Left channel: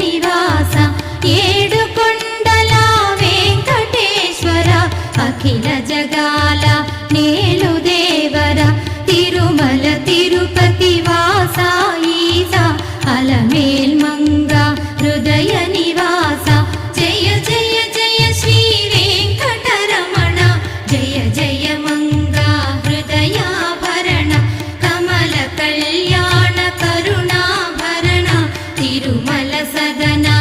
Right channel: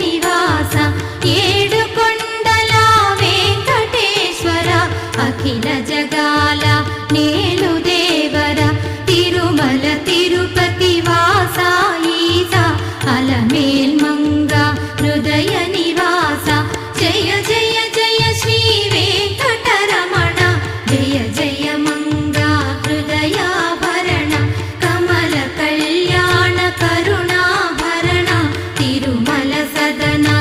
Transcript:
నివాస ఏడుకొండల వెంకటేశ్వర అఖిల జగాల నేలు దేవర తిరుమల తిరుపతి వాస ఈస అలమేల్ మంగ హృదయ నివాస జయ జయ జయ శ్రీ వెంకటరమణ జయ జయ మంగ హృదయాభరణ కమల కళ్యాణ కరుణాభరణ తిరుమల సదనా